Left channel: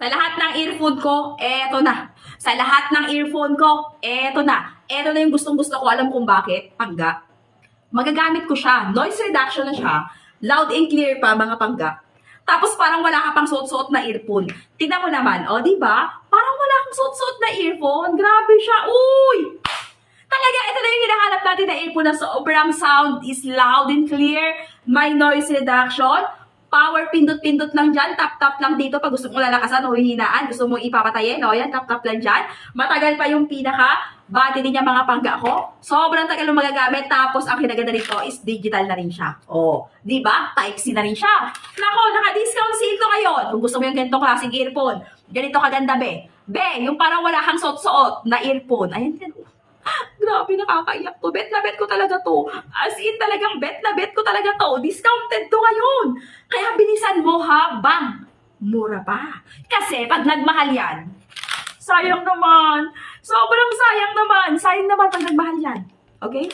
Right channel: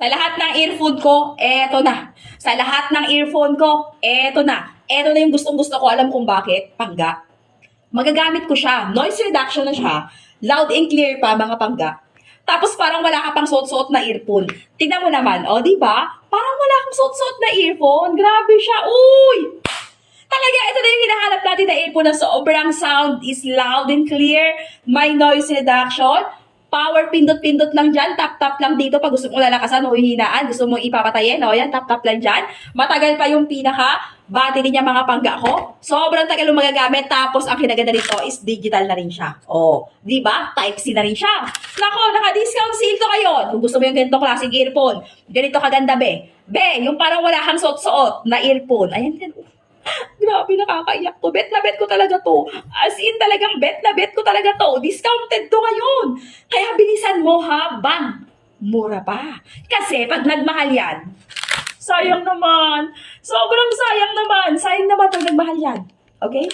Sa lahat ng earphone ko, eto na. Sa lahat ng earphone ko, eto na. Eto na yung gustong-gusto ko. Alam kung bakit? Pangga. Magagamit ko siya. Noise reduction na siya. Loud and clear pa, mga pangga. Tapos parang wala ka pang suot-suot na earphone. Tingnan mo naman, o, di ba? Parang wala kang suot-suot na earphone. Grabe siya. Uy! Talaga, ito na yung hinahanap natin na earphone na sobrang sound is loud and clear. May noise reduction. Power, pindot-pindot lang dyan. Tap-tap lang dito pag gusto mong lalakasan o hihinaan. Gusto mong ipapatayin. O, yan, tap-tap lang dyan. Matagal pa yung battery niya, mga pangga ko. Sobrang tagal yung magagamit. Tapos, ang kinaganda nito is digital na rin siya. O, di ba? Type-C na rin siya. Nako, naka-discount sale to ngayon. Kung gusto mo yung ganitong klaseng earphone. Ganito kaganda, be. Be, yung parang wala kang suot-suot na earphone. Ayan, yan. Grabe, nakakaiyak to. Bet na bet ko talaga to. As in, talagang bet na bet ko talaga to. Discounted to ngayon. Kaya bilisan mo, habang mura pa. Kasi pag nagmahal yan, sayang naman. Sobrang sayang naman. Sayang naman pag nagmahal yan. Okay?